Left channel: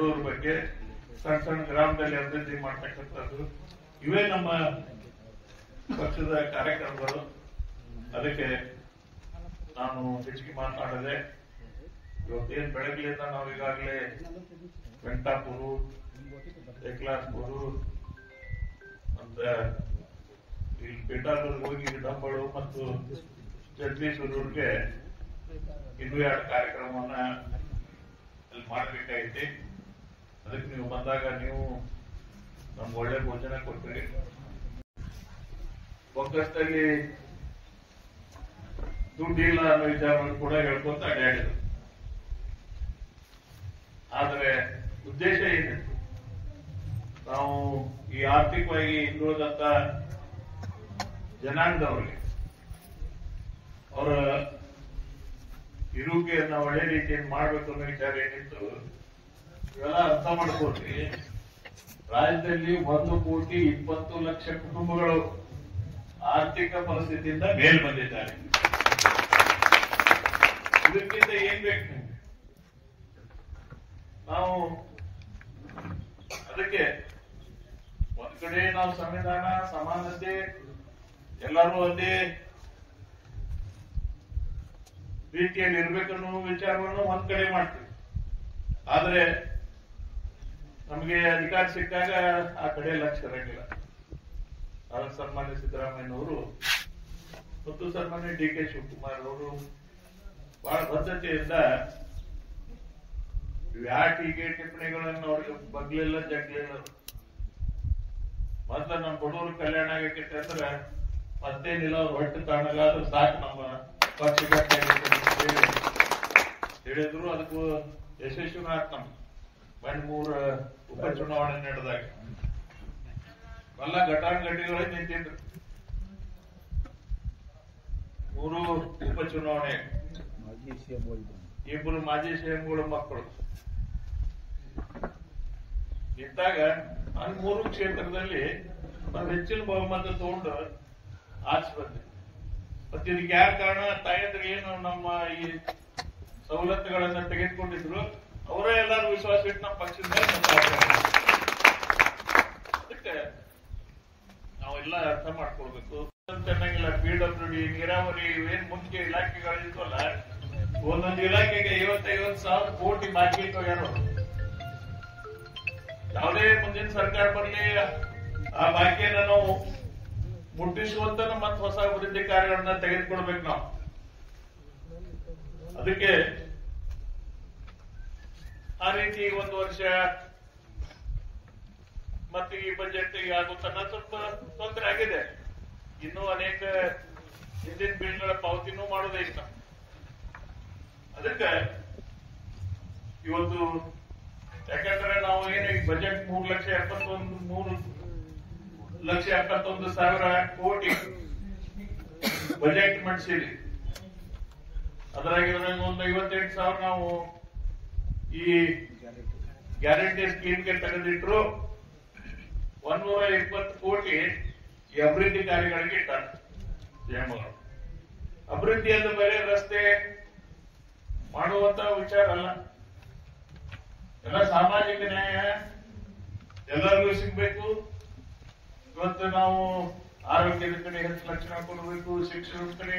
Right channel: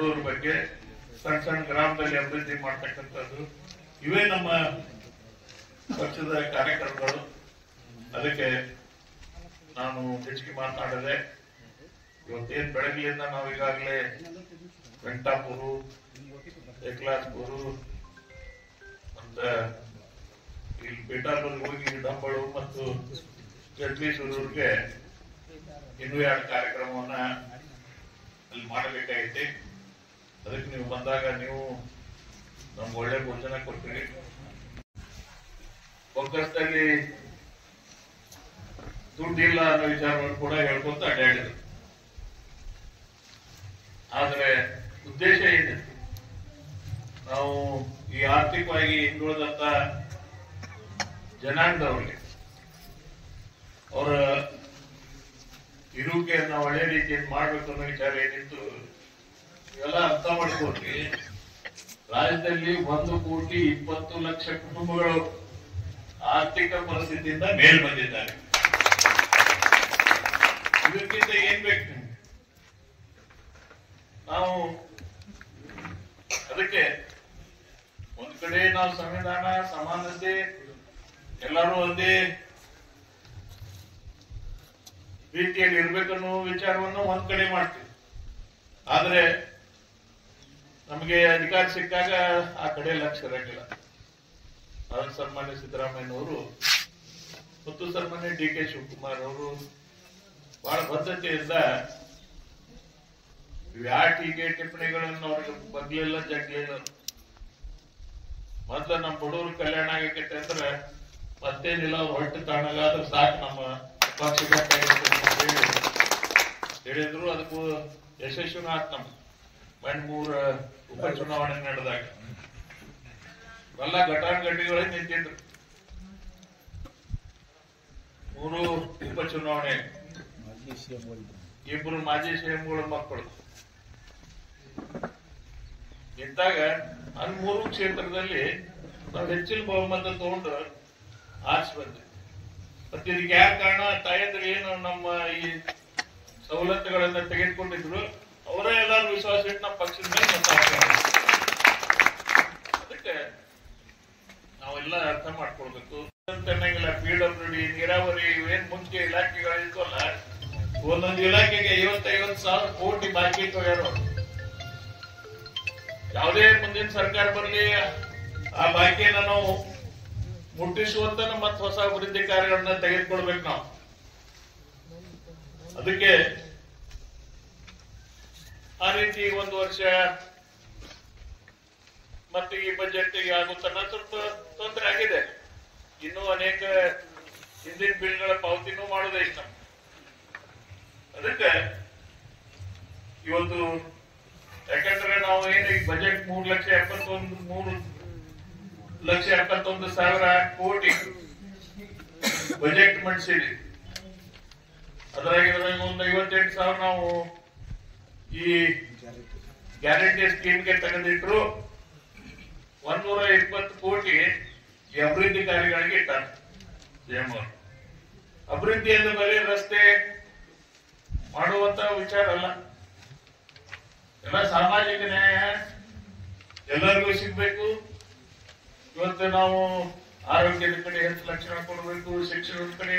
ಬಡವರ ಬಗ್ಗೆ, ಸಣ್ಣ ಸಣ್ಣ ಗ್ರಾಮದಲ್ಲಿ ಅಭಿವೃದ್ಧಿ ಮಾಡ್ತಕ್ಕಂಥದ್ದು, ಇವೇ ನಮ್ಮ ಪಕ್ಷದ ಕಾರ್ಯಕ್ರಮಗಳು. ಅದಕ್ಕೆ ನಾನು ಹೆಚ್ಚಿಗೆ ಮಾತನಾಡದೆ. ಇವತ್ತೇನು ಬೆಳಗ್ಗೆಯಿಂದ ನಾವು ಈಗಾಗಲೇ ವೆಂಕಟಾಪುರ, ಏಕ್ಲಾಸ್ಪುರ ಅಂತ ಇಲ್ಲಿ ಪೇಟಾರ್ವರೆಗೆ ಹೋಗಿ ಡಂಬಳು ಮತ್ತು ಜಡ್ಲೀಶ್ವರವ್ರಿಗೆ ಇನ್ನೂ 2 ಕಾರ್ಯಕ್ರಮವನ್ನ ಅಲ್ಲಿ ಮಾಡಬೇಕಾಗೈತಿ. ಅದಕ್ಕೆ ನೀವು ಬಂದಾಗ ನೀವು ನಮ್ಗೆ ಒಳ್ಳೆ ಭೋಜನ ಕೊಟ್ಟಿರಿ. ಬೊಕ್ಕಸದಲ್ಲಿ ದುಡ್ಡಿಲ್ಲ ಅನ್ನೋ ವಿಚಾರವನ್ನು ಕೂಡ ಹೇಳ್ಕೊಂತ ಅಡ್ಡಾಡಿದ್ರು. ಆದ್ರೆ ಉದ್ದೇಶ ಏನಿತ್ತು? ನಾವು ಈ ಆರ್ಥಿಕವಾಗಿ ಹಿಂದುಳಿದಂತ ಜನಾಂಗದವರಿಗೆ ಅವರ ಇರುವಿಕೆಯನ್ನ ಒಳ್ಳೆ ರೀತಿಯಲ್ಲಿ ಮಾಡ್ಬೇಕು ಅನ್ನೋ ವಿಚಾರ ಏನಿತ್ತು, ಇವೆಲ್ಲ ಅರ್ಥ ಮಾಡ್ಕೊಳ್ರಿ. ರಾಜ್ಯದಲ್ಲಿ 1,20,00,000 ಕುಟುಂಬಗಳು ಆರ್ಥಿಕ ಪರಿಸ್ಥಿತಿಯಿಂದ ಮೇಲ್ ಬಂದಿದ್ದಾರೆ. ಇದಕ್ಕಿಂತ ಏನ್ ಬೇಕು? ನಾವು ಅದಕ್ಕೆ ಒಂದ್ ಕಡೆ ನಾವು ಸಂವಿಧಾನ, ಸಮಾನತೆ, ಎಲ್ಲರೂ ಒಂದೇ ರೀತಿಯಲ್ಲಿ ಇರ್ಬೇಕನ್ನೋ ವಿಚಾರವನ್ನು ಒಂದ್ ಕಡೆ ಮಾಡ್ತೀವಿ. ಆದ್ರೆ ನಮಗೆ ಅಧಿಕಾರ ಸಿಕ್ಕಾಗ ಆ ಕಡೆ ಲಕ್ಷ್ಯ ಇರಂಗಿಲ್ಲ. ಅದನ್ನು ಸನ್ಮಾನ್ಯ ಸಿದ್ದರಾಮಯ್ಯನವರು ಮತ್ತು ಸನ್ಮಾನ್ಯ ಡಿ ಕೆ ಶಿವಕುಮಾರ್ ಅವರು ಬಹಳ ಬದ್ಧತೆಯಿಂದ ಯಾವ ಟೀಕೆ ಟಿಪ್ಪಣಿಗಳನ್ನು ಅವ್ರಿಗೆ ಬಗ್ಲಿಲ್ಲ, ಜಗ್ಲಿಲ್ಲ. ಮೊದ್ಲ ನಮ್ಮ ಬಡವರು ಕಲ್ಯಾಣ ಆಗೈತೆ ಅಂದ್ರೆ ಮತ್ತೇನಿಲ್ಲ, ಅವ್ರು ಹೊಟ್ಟೆ ತಾಣಗಾದ್ರೆ ಸಾಕು, ನಮ್ಮ ಪಕ್ಷ ಹೇಳಿದ್ರು. ಅದಕ್ಕೂ ಯಶಸ್ವಿನೂ ಆತ್. ನಮ್ಗೆ ಮೊನ್ನೆ 3 ಉಪಚುನಾವಣೆ ನಡೆದಾಗ ಎಲ್ಲ ಘಟಾನುಘಟಿಗಳೇ ನಿಂತಿದ್ರು. 3 ಉಪಚುನಾವಣೆ, 2 ಮಾಜಿ ಸಿಎಂಗಳ ಮಕ್ಕಳು ನಿಂತಾಗ ಅಲ್ಲಿ 3 ಕ್ಷೇತ್ರದಲ್ಲಿ ನಾವು ಹೆಚ್ಚಿನ ಬಹುಮತ ತಗೊಂಡು ಆರ್ಸಿ ಬಂದ್ವಿ. ಮತ್ತೆ ಇದಕ್ಕೆ ಯಾರ ಕಾರಣ? ತಾಯಂದ್ರೆ ಏನು ನಮ್ಮ ಈ ಸವಲತ್ತುಗಳನ್ನ ತೆಗೆದುಕೊಂಡಿದ್ರು, ಅವರೇ ಎಲ್ಲಾರು ವಿಶ್ವಾಸ ಇಟ್ಟು ನಮ್ಮ ಪಕ್ಷದ ಮೇಲೆ ಮತ ಹಾಕ್ತಾರೆ. ಅದಕ್ಕೆ ನಾವೆಲ್ಲ ಅರ್ಥ ಮಾಡ್ಕೊಳ್ಬೇಕು. ಅನ್ನಂಗಿಲ್ಲ, PWD, ನೀರಾವರಿ, ಇವೇನ್ ಮುಂಚೆ ಇಲಾಖೆಗಳಿದ್ವಲ್ಲ, ಒಂದೊಂದು ಇಲಾಖೆಗೆ 50,000 ಕೋಟಿ ಬಾಕಿ ಇಟ್ಟೋಗ್ಯಾರ. ಯಾವುದೇ ಮುಂದಿನ ಸರ್ಕಾರ ಬರಲಿ, ಆ ಬಾಕಿಯನ್ನ ನಾವು ಮುಟ್ಟಿಸುವಂತ ಮತ್ತೆ ಹೊಸ ಅಭಿವೃದ್ಧಿ ಕಾರ್ಯಗಳನ್ನ ತೆಗೆದುಕೊಳ್ಬೇಕು ನಾವು. ಅದಕ್ಕೆ ಆ ರೀತಿ 1 ವರ್ಷ ಮತ್ತೆ ಈ ಬಜೆಟ್ ಆಗುತ್ತನ್ನ ಸ್ವಲ್ಪ ತೊಂದರೆ ಆಗಿದೆ. ಇನ್ನೂ ಅನೇಕ ಹಿಂದಿನ ಬಿಲ್ಗಳ ಪಾವತಿನೂ ಮಾಡೋದೇ ಇಷ್ಟ. ಅದಕ್ಕೆ ಇವತ್ತು ಯಾಕಂದ್ರೆ ನಾವು ಏನು ಈ ಬಜೆಟ್ 3,71,000 ಕೋಟಿ ಬಜೆಟ್ ಮಂಡಿಸಿದ್ವಿ. ಅದ್ರಾಗ ಒಂದು 58,000 ನಾವು ಈ ಗ್ಯಾರಂಟಿ ಸ್ಕೀಮ್ಗೆ ತೆಗೆದಿಟ್ರು. 120 ಕೋಟಿ ಈ ಅಭಿವೃದ್ಧಿ ಕಾರ್ಯಗಳಿಗೆ ಇಟ್ಟಾರೆ ಸಿಎಂ ಅವರು. ಅಭಿವೃದ್ಧಿ ಅಂದ್ರೆ ಬರೀ ರಸ್ತೆ ಮಾಡುವಂತ ವಿಚಾರ ಅಲ್ಲ, ಎಲ್ಲ ಸಾಮಾಜಿಕ ನ್ಯಾಯ ಎಲ್ಲರಿಗೂ ಸಿಗ್ಬೇಕು. ಇವತ್ತು ನಾವು ಆರೋಗ್ಯದ ಕಡೆ ಹೆಚ್ಚು ಲಕ್ಷಣ ಕೊಡಬೇಕು, ಶಿಕ್ಷಣದ ಕಡೆ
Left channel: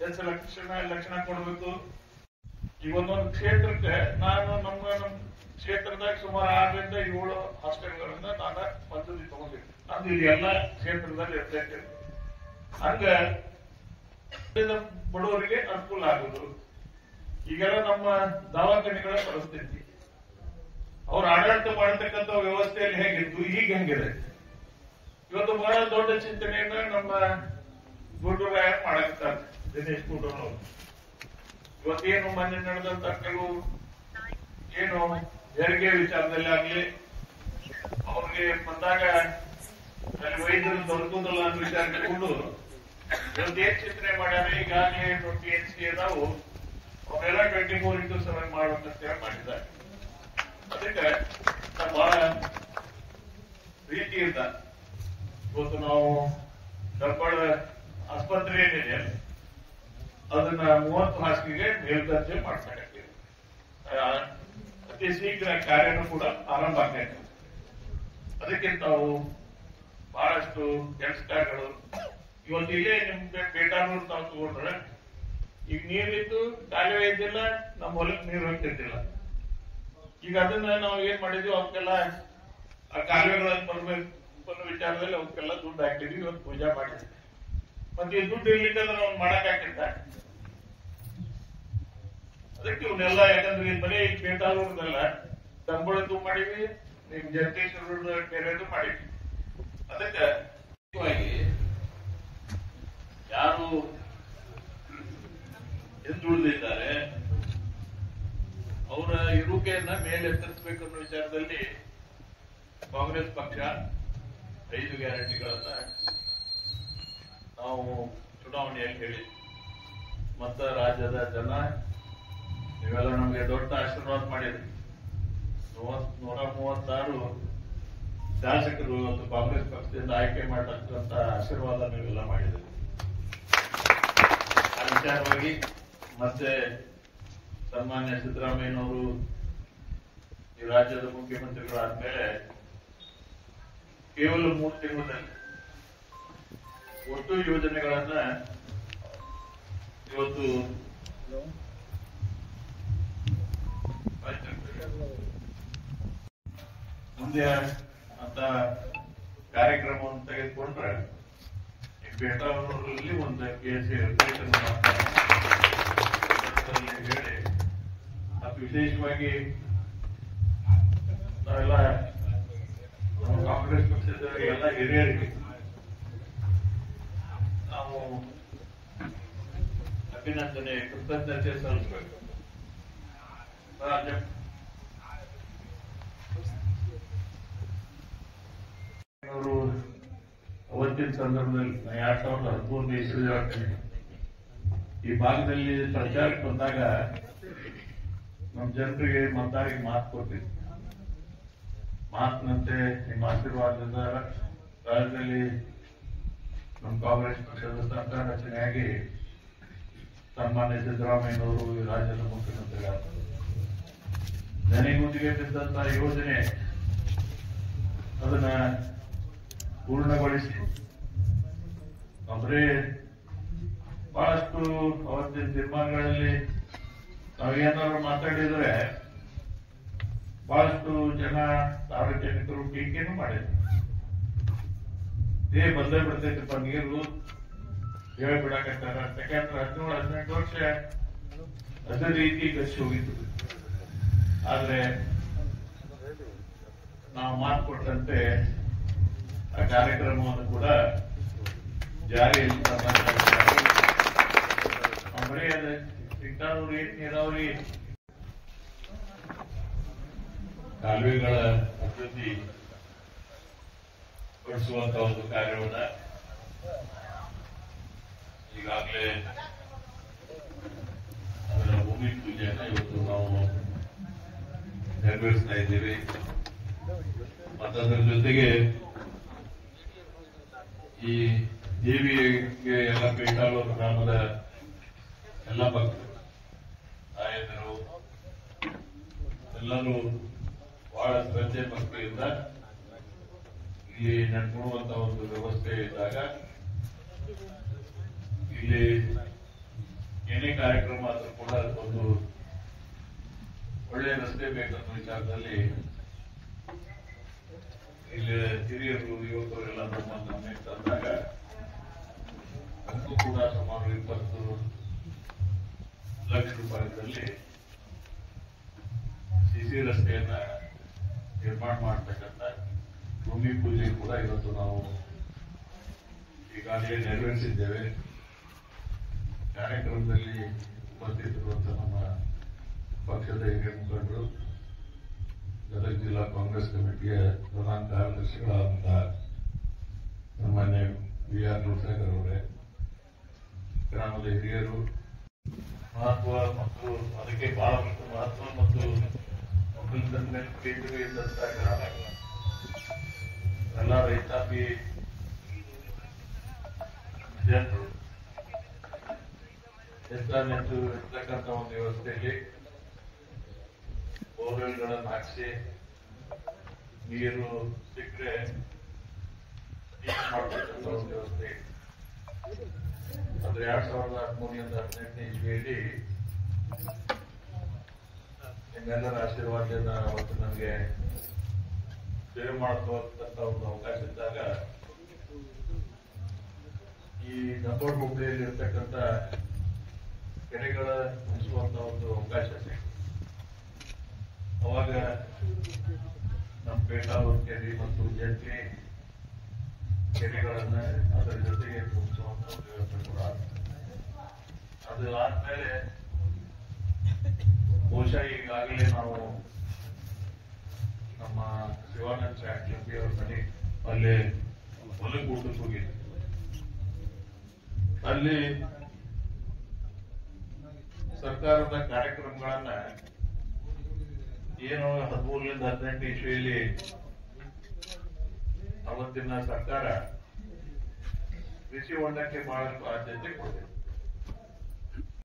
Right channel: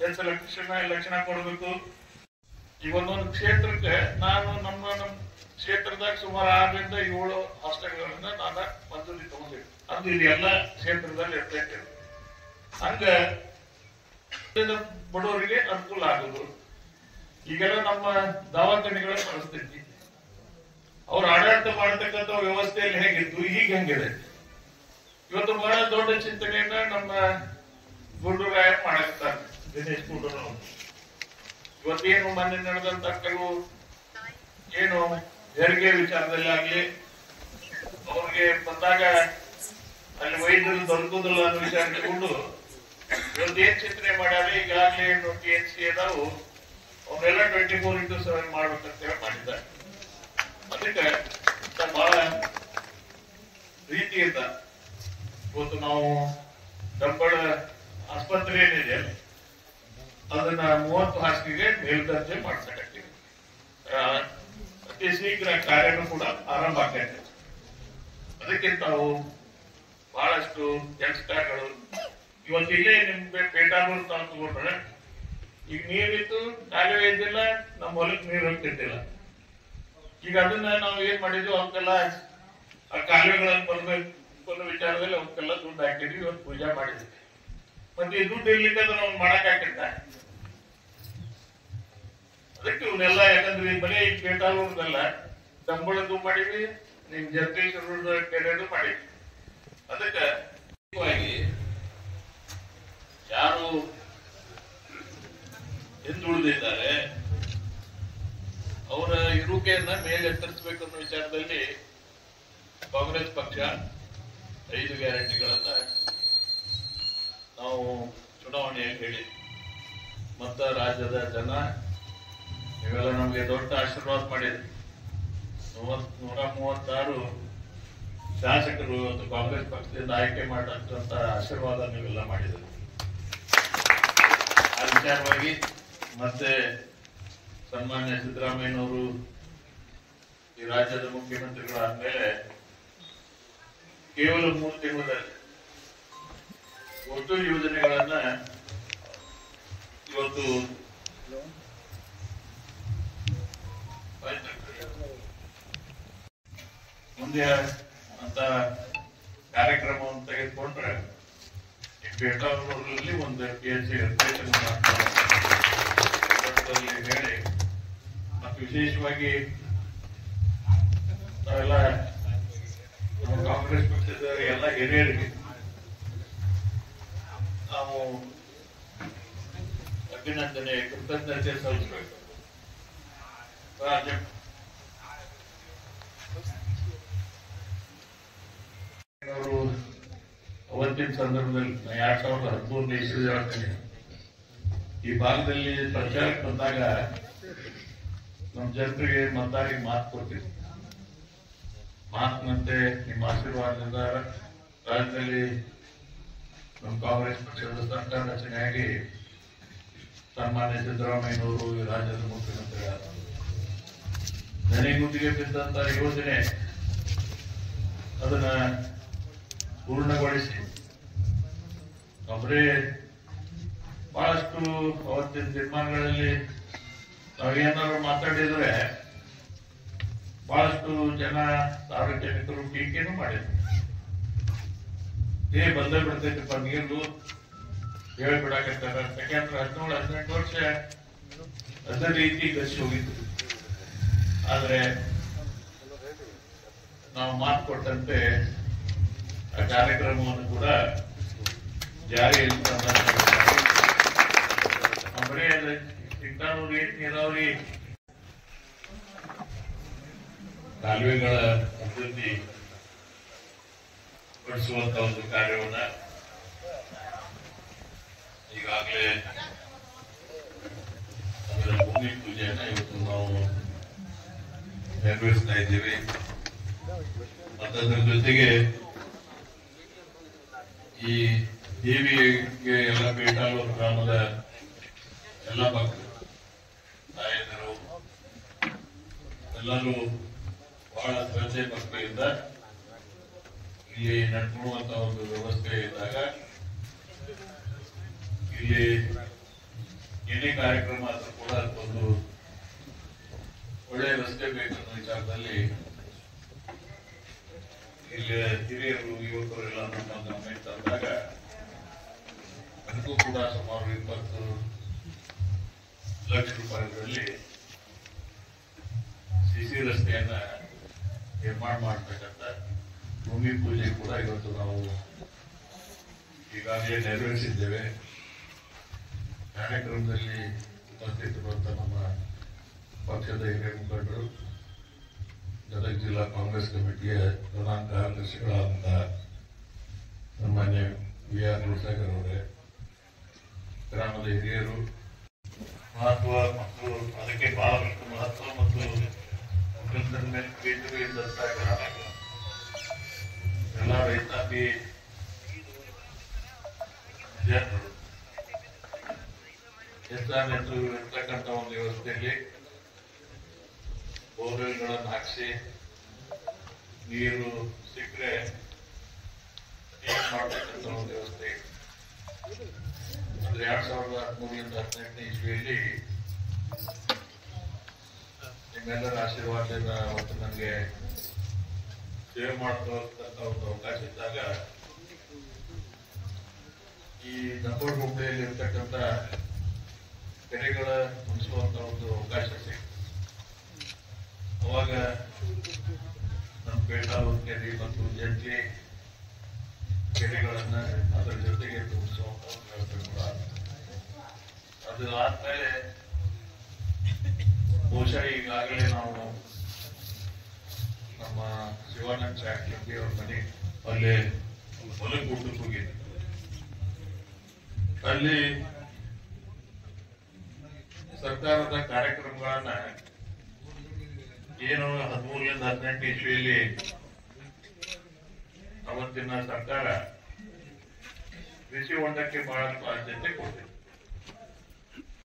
ಹೆಚ್ಚು ಲಕ್ಷಣ ಕೊಡಬೇಕು. ಈ ಒಂದೊಂದು ಕ್ಷೇತ್ರಕ್ಕೆ ನಾನು ನಮ್ಮ ಕ್ಷೇತ್ರದಾಗ ಸುಮಾರು 6ರಿಂದ 7 ಹಾಸ್ಟೆಲ್ಗಳನ್ನ ನಾನು ಮಂಜೂರಿ ತಗೊಂಡಿದ್ದೆ. ಅದು ಇದು ಎಲ್ಲ ಕ್ಷೇತ್ರದಲ್ಲಿ ಇರ್ತೈತೆ. ಹಂಗ ಬಡವರಿಗೆ ಅನುಕೂಲ ಆಗುದು. ಈಗೆಲ್ಲ ನಮ್ಮ ದವಾಖಾನೆಗಳ ಪರಿಸ್ಥಿತಿ, ಅವ್ರು ಆಡಳಿತ ಮಾಡತಕ್ಕಂಥ ವ್ಯವಸ್ಥೆಯಲ್ಲಿ ಹೇಗಿತ್ತು, ಈಗ ಹೆಂಗಿದೆ. ಇವತ್ತು ಬಹಳ ದೊಡ್ಡ ಚಿಂತನೆಯನ್ನ ನಮ್ಮ ಗುಂಡೂರಾಯ ಮಾಡಾಕ್ತಾರೆ, ದಿನೇಶ್ ಗುಂಡೂರಾವ್. ಇವತ್ತೇನು ಮೊನ್ನೆ ನಡೆದಂತ ಕೆಲವು ಏನು ಹೆರಿಗೆ ವಿಚಾರದಲ್ಲಿ ಆಗ್ಲಿ, ಅವ್ರಿಗೆ ಬಂದಾಗ ಅಲ್ಲಿ ವೈದ್ಯರು ದೊರಕುದಿಲ್ಲ ಅನ್ನೋ ವಿಚಾರ ತಗೊಂಡು ಇವತ್ತೇನ್ ಚಿಂತನೆ ಮಾಡ್ಯಾರ, ಈಗಾಗಲೇ 20 NC ಅದಾವು, ಅವನ್ನೆಲ್ಲ 24x7 ಮಾಡ್ಬೇಕಂತೇಳಿ ಮಾಡಿದ್ದಾರೆ. ಅದಕ್ಕೆ ಬಹಳ ರೀತಿಯಿಂದ ಇವತ್ತು ನಾವು ಡಬ್ಬಳ ಆಸ್ಪತ್ರೆ ಏನಿದೆ ಅದನ್ನ 30 ಹಾಸಿಗೆಗೆ ಮೇಲ್ದರ್ಜೆ ಮಾಡ್ಸಕತ್ತೀವಿ. ಅತಿ ಶೀಘ್ರ ಕಾರ್ಯನೂ ಕೂಡ ಆರಂಭ ಆಗ್ತೈತೆ. ಅದಕ್ಕೆ ತಾವು ಬಹಳಷ್ಟು ಕೆಲಸಗಳು ಇವತ್ತು ಇಲ್ಲೇ ನಿಮ್ಗೆ ಪೇಟಾನೂರು ತಾವು ತಗೊಂಡ್ರೆ ಈಗ ನೀರಿತ್ತು, ಕಾಲುವೆ ಇದ್ದಿಲ್ಲ, ನಮ್ಮ ಹೊಲಕ್ಕೆ ನೀರು ಹೋಗ್ತಿದ್ದಿಲ್ಲ. ಈಗ ಅದನ್ನ ನಾವು ಏನ್ ಮಾಡಿದ್ವಿ, ಅವಕ್ಕೆಲ್ಲ ಆ ಕಾಲುವೆಗಳನ್ನು ಬರ್ಬೇಕು ಅನ್ನೋ ವಿಚಾರದಲ್ಲಿ ಅವಕ್ಕೆಲ್ಲ ದುಡ್ಡು ಹಾಕಿದ್ವಿ, ಇವತ್ತು ಪೂಜಾ ಮಾಡಿದ್ವಿ. ಮತ್ತೆ ಈ ದುಡ್ಡು ಇರ್ಲಿಕ್ಕಂದ್ರೆ ಅವ್ನು ಮಾಡಕ್ ಹಾಕಿದ್ದ. ಅದಕ್ಕೆ ಇವನ್ನೆಲ್ಲ ಯಾಕಂದ್ರೆ ಬರೀ ಈಗ ಪೇಟಾನೂರ್ದಲ್ಲ, ತಂಬಳದ್ದು ಮಾಡಿದ್ವಿ, ನಿಮ್ ಜಗದೀಶ್ವರ ಕೆರೆದು ಮಾಡಿದ್ವಿ. ಅದಕ್ಕೆ ಯಾರು ಹಿಂದುಳಿದಿದ್ದಾರೆ ಅವರ ಇರುವಿಕೆಯನ್ನ ಮೇಲೆ ಎತ್ತರಿಸಬೇಕು ಅನ್ನೋ ವಿಚಾರದಲ್ಲಿ ಕಾಂಗ್ರೆಸ್ ಪಕ್ಷ 5 ಗ್ಯಾರಂಟಿಗಳನ್ನ ನಾವು ಚುನಾವಣೆಯಲ್ಲಿ ಹೇಳಿ ಮತ್ತ ರಾಜ್ಯದ ಜನ ನೀವೆಲ್ಲ ನಮಗೆ ದೊಡ್ಡ ಆಶೀರ್ವಾದ ಮಾಡಿದ್ರು. 136 ಶಾಸಕರು ಇವತ್ತು ಕಾಂಗ್ರೆಸ್ ಪಕ್ಷದಿಂದ ಆಯ್ಕೆ ಮಾಡತಕ್ಕಂತ ಆಶೀರ್ವಾದ ನೀವೆಲ್ಲ ಮಾಡಿದ್ರು. ಆ ವಿಚಾರವಾಗಿ ಮತ್ತೆ ಸನ್ಮಾನ್ಯ ಸಿದ್ದರಾಮಯ್ಯನವರು ಈ ರಾಜ್ಯದ ಮುಖ್ಯಮಂತ್ರಿಗಳಾದ್ಮೇಲೆ ಕೇವಲ 3 ತಿಂಗಳಲ್ಲಿ ಒಟ್ಟು ಯೋಜನೆಗಳನ್ನ ಇವತ್ತು ಮುಂದೆ ಅಂತ ಕಾರ್ಯಕ್ರಮವನ್ನು ತೆಗೆದುಕೊಂಡ್ರೆ ಬೆಟ್ಟೂರಲ್ಲಿ ಒಂದು PHC ಹೇಳಿ ಮತ್ತು ವಿಶೇಷವಾಗಿ ನಾವೆಲ್ಲ ಕಾಂಗ್ರೆಸ್ ಪಕ್ಷದ ಎಲ್ಲ ಹಿರಿಯರಿಗೆ ನಾವು ಅಭಿನಂದನೆ ಕೃತಜ್ಞತೆ ಸಲ್ಲಿಸಬೇಕು. ಅವರು ಅವತ್ತಿನ ಸಂದರ್ಭದಲ್ಲಿ 2013 ಇಸ್ವಿ ಈ ಭಾಗದಲ್ಲಿ ಪ್ರಚಾರಕ್ಕೆ ಬಂದಾಗ ನಮ್ಮ ಜನರಿಗೆ ಮತದಾರರಿಗೆ ಮಾತು ಕೊಡ್ತೀವಿ. ಮಾತಿನಂತೆ ನಿಮ್ಮ ಆಶೀರ್ವಾದದಿಂದ ರಾಜ್ಯದಲ್ಲಿ ನಮ್ಮ ಕಾಂಗ್ರೆಸ್ ಪಕ್ಷದ ಸರ್ಕಾರ ರಚನೆಯಾಗಿ ಸನ್ಮಾನ್ಯ ಸಿದ್ದರಾಮಯ್ಯನವರು ರಾಜ್ಯದ ಮುಖ್ಯಮಂತ್ರಿಗಳಾದರು. ನೆನೆಗುಂದಿಗೆ ಬಿದ್ದಂತ ಯೋಜನೆ ಅದನ್ನ ಪೂರ್ಣಗೊಳಿಸಿ ಅವರೇ ಬಹಳಷ್ಟು ಅವತ್ತಿನ ತೀರ್ಮಾನಗಳಲ್ಲಿ ನಾವೇನಾದ್ರು ಮಾತಾಡಿದ್ರೆ ಬಹಳಷ್ಟು ಜನ ಸಾರ್ವಜನಿಕರು ಟೀಕೆನೂ ಮಾಡಿದ್ರು. ಬಂದೇ ಬಿಡ್ತೈತಿಪ್ಪ ನೀರು ಹೇಳ್ಬಿಡಕತ್ತಾರ. ಯಾಕಂದ್ರೆ 17-18 ವರ್ಷ ಅದೇ ರೀತಿ ಗಸಿ ಹೋಗಿತ್ತು. ಆದ್ರೆ ನಾವು ಮಾತು ಕೊಟ್ಟಂತೆ ಆ ಕಾರ್ಯಕ್ರಮವನ್ನು ಕೂಡ ಜಾರಿಯಲ್ಲಿ ಬರೀ ಅದ್ರ ಸಿಕ್ಕಾನೂರಿ ನೀರಾವರಿ ಕಾಲುವೆಗಳ ಅಭಿವೃದ್ಧಿ ಪಡಿಸುವಂತ ಒಂದು ಕಾರ್ಯವನ್ನ ಈಗಾಗಲೇ ಅದರ ಭೂಮಿ ಪೂಜೆಯನ್ನ ಇವತ್ತು ನಾವು ನೆರವೇರಿಸ್ತಾ ಇದ್ದೀವಿ. ಮತ್ತು ಅದರ ಜೊತೆಗೆ ಈ ದೇವಿಗೆ ಎಲ್ಲ ಬೇಟಾಳೂರು ಗ್ರಾಮದ ಎಲ್ಲ ಭಕ್ತರು ತಾಯಂದಿರು ಎಲ್ಲರೂ ಬಹಳ ಶ್ರದ್ಧೆ ಭಕ್ತಿಯಿಂದ ಇಲ್ಲಿ ನಡ್ಕೊಳ್ಳುವಂತ ಒಂದು ವ್ಯವಸ್ಥೆ ಇದ್ದಾಗ ಇಲ್ಲಿ ಏನೇ ಕಾರ್ಯಕ್ರಮ ಆದ್ರೂ ಕೂಡ ಒಂದು ಒಳ್ಳೆಯ ರಸ್ತೆ ಬೇಕನ್ನೋ ವಿಚಾರದಲ್ಲಿ ಇಲ್ಲಿ ಹಿರಿಯರು ಯುವಕರೆಲ್ಲ ನಮ್ಮ ಗಮನಕ್ಕೆ ತಂದಾಗ ಅದಕ್ಕೂ ಕೂಡ ಸುಮಾರು 20 ಲಕ್ಷ ರೂಪಾಯಿಗಳಲ್ಲಿ ಸಿಸಿ ರಸ್ತೆಯನ್ನ ನಿರ್ಮಾಣ ಮಾಡತಕ್ಕಂಥ ಭೂಮಿ ಪೂಜೆ ಕೂಡ ಇವತ್ತು ನಾವು ಈಗಾಗಲೇ ನೆರವೇರಿಸಿದ್ದೇವೆ. ಕಾರ್ಯಕ್ರಮದಲ್ಲಿ ಉಪಸ್ಥಿತರಿರುವಂತಹ ನಮ್ಮ ಪಕ್ಷದ ಹಿರಿಯ ಮುಖಂಡರು, ಗದಗ ಜಿಲ್ಲಾ ಕಾಂಗ್ರೆಸ್ ಕಮಿಟಿಯ ಪ್ರಧಾನ ಕಾರ್ಯದರ್ಶಿಗಳಾದಂತಹ ಸನ್ಮಾನ್ಯ VR ರೂಸಾಗರ್ ಅವರೇ, ಗ್ರಾಮದ ಹಿರಿಯರು, ಮಹತ್ವ ಮತ್ತು ಅದಕ್ಕೆ ಬಹಳಷ್ಟು ಮಹತ್ವ ಮತ್ತು ಎಲ್ಲ ರೈತಾಪಿ ಜನರು ಹೆಚ್ಚಾನೆಚ್ಚು ಇರ್ತಕ್ಕಂಥ ಒಂದು ವ್ಯವಸ್ಥೆಯಲ್ಲಿ ಬೋರ್ವೆಲ್ಗಳನ್ನು ಹಾಕಿಸಿ ನೀರು ಸಿಕ್ಕರೆ ಮಾಡ್ತಕ್ಕಂಥ ಒಂದು ವ್ಯವಸ್ಥೆ. ಅದು 2013ರಿಂದ 2018ನೇ ಇಸ್ವಿಯಲ್ಲಿ ನಿಮ್ಮೆಲ್ಲರ ಆಶೀರ್ವಾದದಿಂದ ಅವತ್ತು ನನಗೆ ಸೇವೆ ಮಾಡ್ತಕ್ಕಂಥ ಒಂದು ಅವಕಾಶ ಇದ್ದಾಗ ಈ ನಂಬರ್ ಹುಬ್ಳಿಯಲ್ಲಿ ಇರ್ತಕ್ಕಂಥ ಕೆರೆಗಳ ಮುಗಿಸುವಂತ ಒಂದು ಅವಕಾಶ ಸಿಕ್ತು. ಅವಾಗ ನಮ್ಮ ಬೇಕಾದ ಕೆರೆ ಮತ್ತು ಜಂಟಿ ಕೆರೆಗಳನ್ನ ಅದರ ಜೊತೆಗೆ ತುಂಬಿಸುವಂತ ವ್ಯವಸ್ಥೆ ಕೂಡ ಅದು ಆದ್ಮೇಲೆ ಬಹುಶಃ ಈಗಾಗಲೇ ನಾವು ನಮ್ಮ ಶಿವಾನಂದ ಚಾಕ್ಲಿಂಗಿ ಅವ್ರ ಮನೆ ಅಲ್ಲಿ ಹೊಲಗೂಟಕ್ಕೆ ಹೋಗಿದ್ವಿ. ಅಲ್ಲಿ ಸರ್ಕಾರದ ಕಾರ್ಯಕ್ರಮಗಳನ್ನ ಏನು 13ರಿಂದ 18 ಇಸ್ವಿಯಲ್ಲಿ ಅವತ್ತಿನ ಸರ್ಕಾರ ಕೃಷಿ ಹೊಂಡಕ್ಕೆ ಬಹಳ ಆದ್ಯತೆ ಕೊಡ್ತೇವೆ.